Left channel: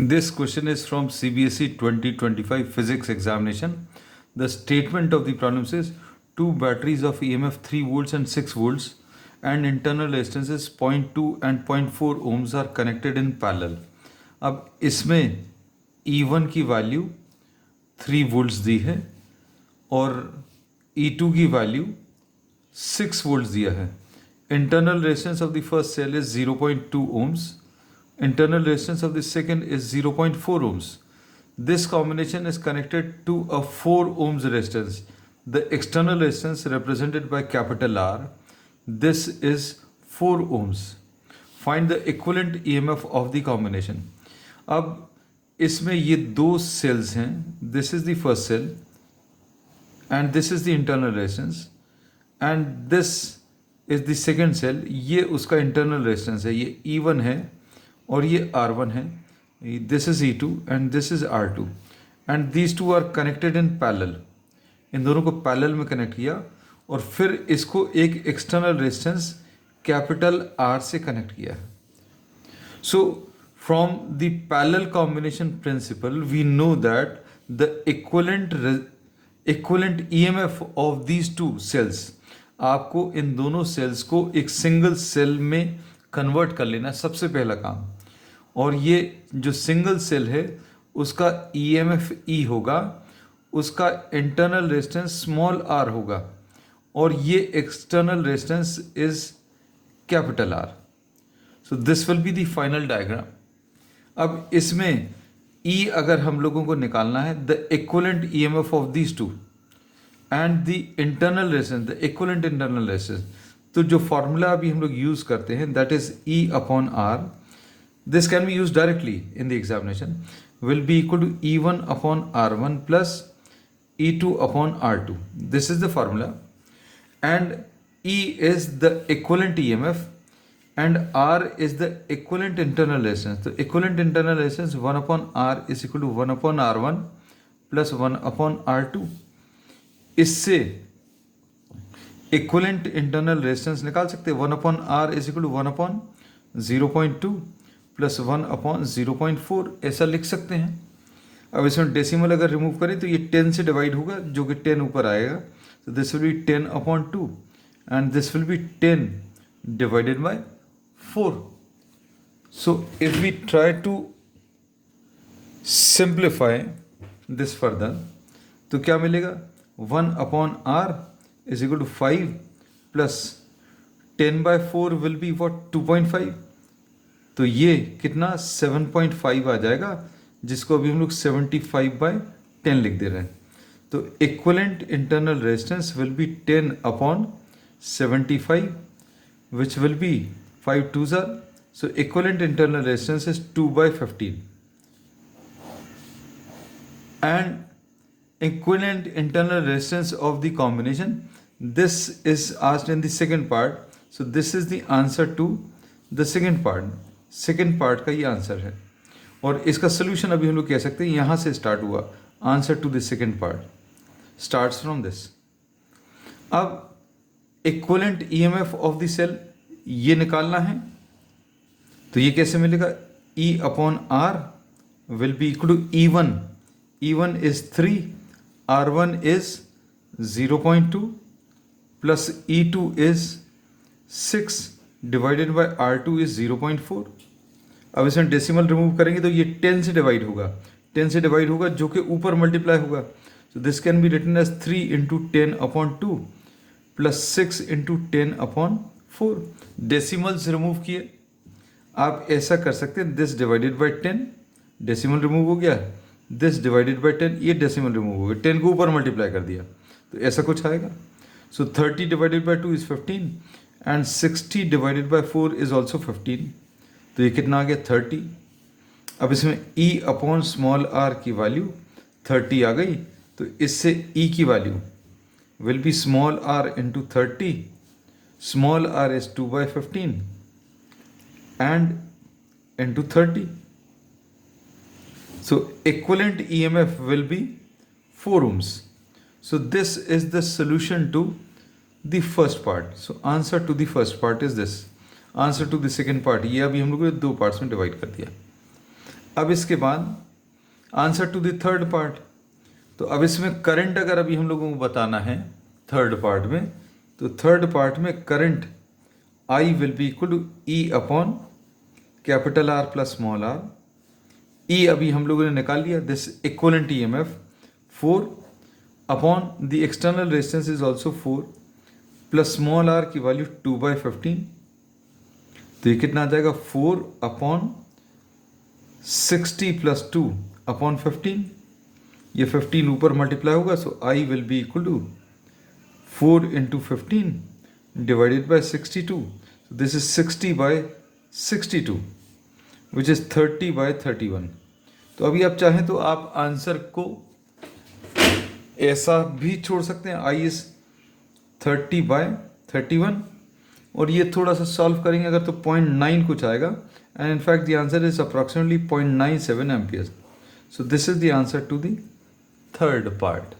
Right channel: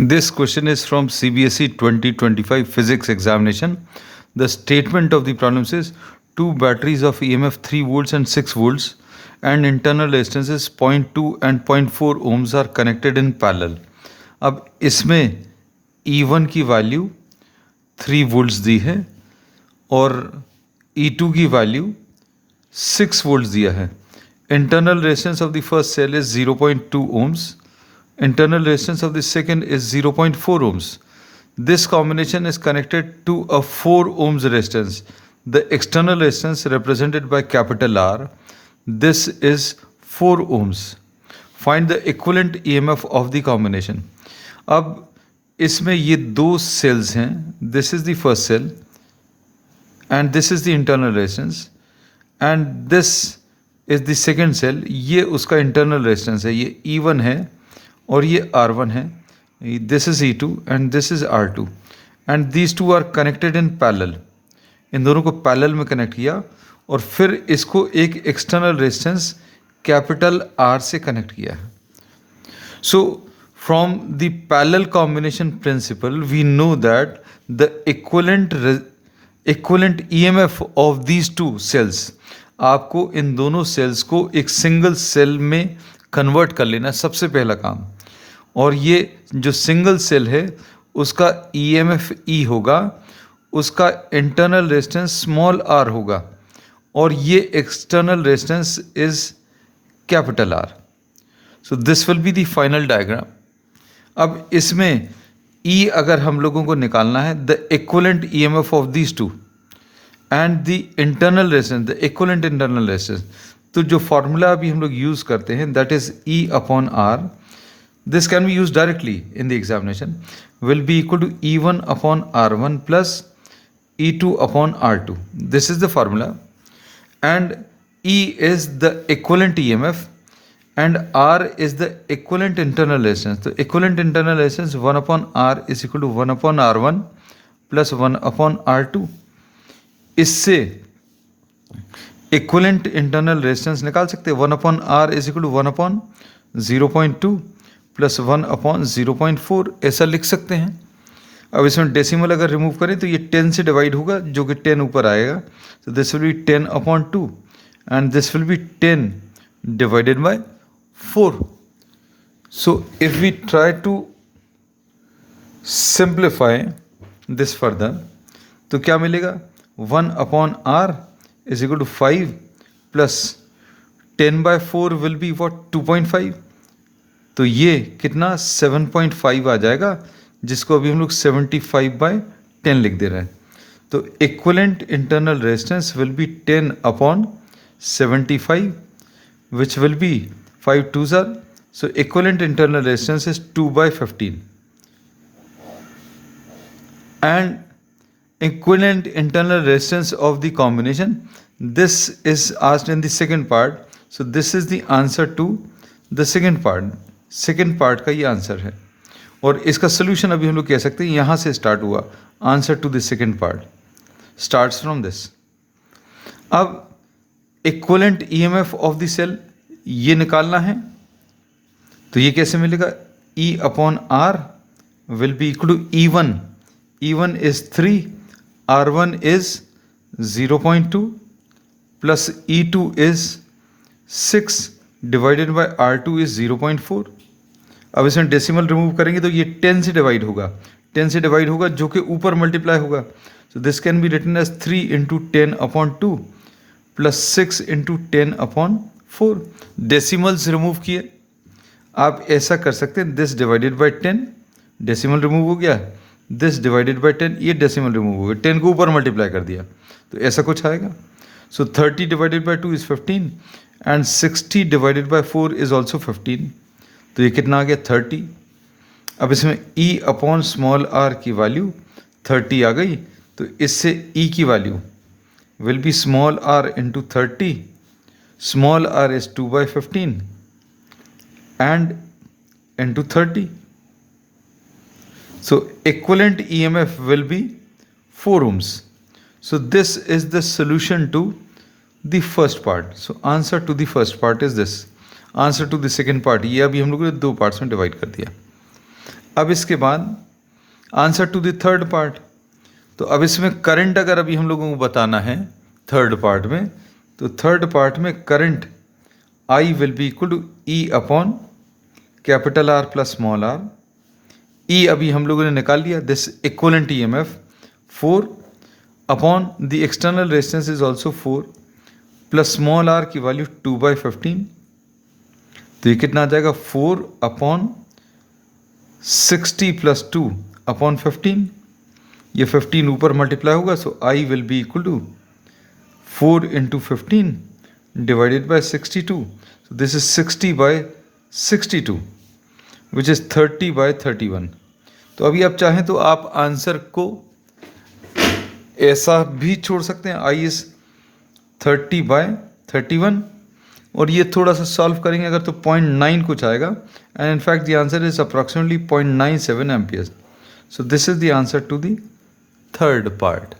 This question is from CBSE 2025 physics examination. The statement of the problem says two batteries of EMF 3 volts and 6 volts and internal resistances 0.2 and 0.4 ohms are connected in parallel. अब इसमें E1 की value 3 volts दी है और E2 की value 6 volts दिया है. Internal resistance of the first cell is 0.2 ohms. Internal resistance of the second is 0.4 ohms. This combination is connected to a 4 ohms resistance. The external resistance represented by capital R. This is 4 ohms. Find the equivalent EMF of the combination. अब इसमें ये दो cells हैं. This is the first cell and this is the internal resistance and this is the second cell. ये उसका internal resistance है. ये E1 है और ये R1 है. This is E2 and this is R2 and these two are connected in parallel. इन दोनों को पैरेलल में कनेक्ट किया और फिर इसको एक एक्सटर्नल रेजिस्टेंस कैपिटल R से कनेक्ट किया है. So from the parallel combination principle we know that the equivalent EMF of these two cells, आपको इन दोनों सेल्स को एक सिंगल सेल में कन्वर्ट कर लेना सबसे पहला काम. और ये जो सिंगल सेल है उसका EMF E होगा, उसका इंटरनल रेजिस्टेंस स्मॉल r होगा और ये external resistance is capital R. So this will be the final diagram. अब इसमें E अगर हम लोगों को निकालना है, the equivalent EMF of these to and the internal resistance, the equivalent internal resistance, तो जो फॉर्मूला अभी हम लोग यूज़ करते हैं that is E upon R. This can be used directly in the examination. Will be equal to E1 upon R1 plus E2 upon R2. This is the formula. And E is the equivalent EMF and R is the equivalent internal resistance. The equivalent internal resistance 1 upon R is equal to 1 upon R1 plus 1 upon R2. इससे equivalent internal resistance निकाल सकते हैं. 1 upon R is equal to 1 upon 0.2 plus 1 upon 0.4 ऐसा लिख सकते हैं. अब इसमें डेसिमल अगर रिमूव करें तो ये 10 से डिवाइड होगा जो कि 10 ऊपर आएगा. तो this will be 10 upon 2 and this will be 10 divided by 4. So if we try to simplify this further तो क्या मिलेगा? 1 upon R is equal to 5 plus 10 by 4 will be what 2.5. तो ये कितना 7.5 आ जाएगा, जिसको अभी हम लोग 75 बाय 10 लिख दे रहे हैं. तो equivalent internal resistance will be 10 upon 75 which will be 5 2s are. So equivalent internal resistance is 2 by 15 and equivalent internal resistance of the combination. This is asked in the second part. So this is the answer to the second part. Second part का ये answer है और इसका solution अभी हम लोग कह सकते हैं यहाँ से स्टार्ट हुआ. Answer to the second part starts from this. अब equivalent EMF of the cell ये निकालना है तो ये कैसे मिलेगा? E upon R will be equal to E1. E1 is 3, R1 is 0.2 plus E2 is 6 divided by R2 is 0.4. अब इसमें डेसिमल रिमूव करेंगे तो ये 10 से डिवाइड होगा. 10 से डिवाइड होगा जो कि ऊपर मल्टीप्लाई होगा. So this can be written as 3 into 10 upon 2 plus 6 into 10 upon 4. Decimals remove किए. आप ऐसा कर सकते हैं, this divided by 10, decimal remove हो गया. दिस डिवाइडेड बाई 10, ये डेसिमल रिमूव हो गया. 10 को ऊपर मल्टीप्लाई कर दिया तो ऐसा कुछ आएगा. सो 30 divided by 2 is 15 and 60 divided by 4 is also 15. तो ये कितना आ गया? 30. अब इसमें E अपॉन स्मॉल r की वैल्यू 30 आ गई. तो इससे E की value will be small r into 30. Small r is 2 by 15 and into 30. So equivalent EMF will be 4 ohms. So this is the solution to the first part. So answer to the first part is this. Answer to the second part, ये अभी हम लोगों ने 2 parts में divide कर दिया. अब इसके बाद answer to the third part. तो अब इसमें करंट अगर अभी हम लोगों को बताना है थर्ड पार्ट में, तो थर्ड पार्ट में current I will be equal to E upon capital R plus small r। E अभी हम लोगों ने निकाल लिया, this equivalent EMF 4 upon the external resistance is also 4 plus small r की वैल्यू 2/15। तो ये कितना आ जाएगा 4 अपॉन 60 प्लस 2 अपॉन 15। ये 15 ऊपर मल्टीप्लाई होगा, so I will be equal to 4 into 15 divided by 62। So this is 60/62 which is 30/31। तो अभी आप चाहें तो आप आंसर को ऐसा भी छोड़ सकते हैं, I इज़ 30/31, और ये थोड़ा सा सॉल्व करेंगे अगर तो 0.9 कुछ आएगा, and in fact the answer is approximately 0.97 amperes. So this is the answer to the third part.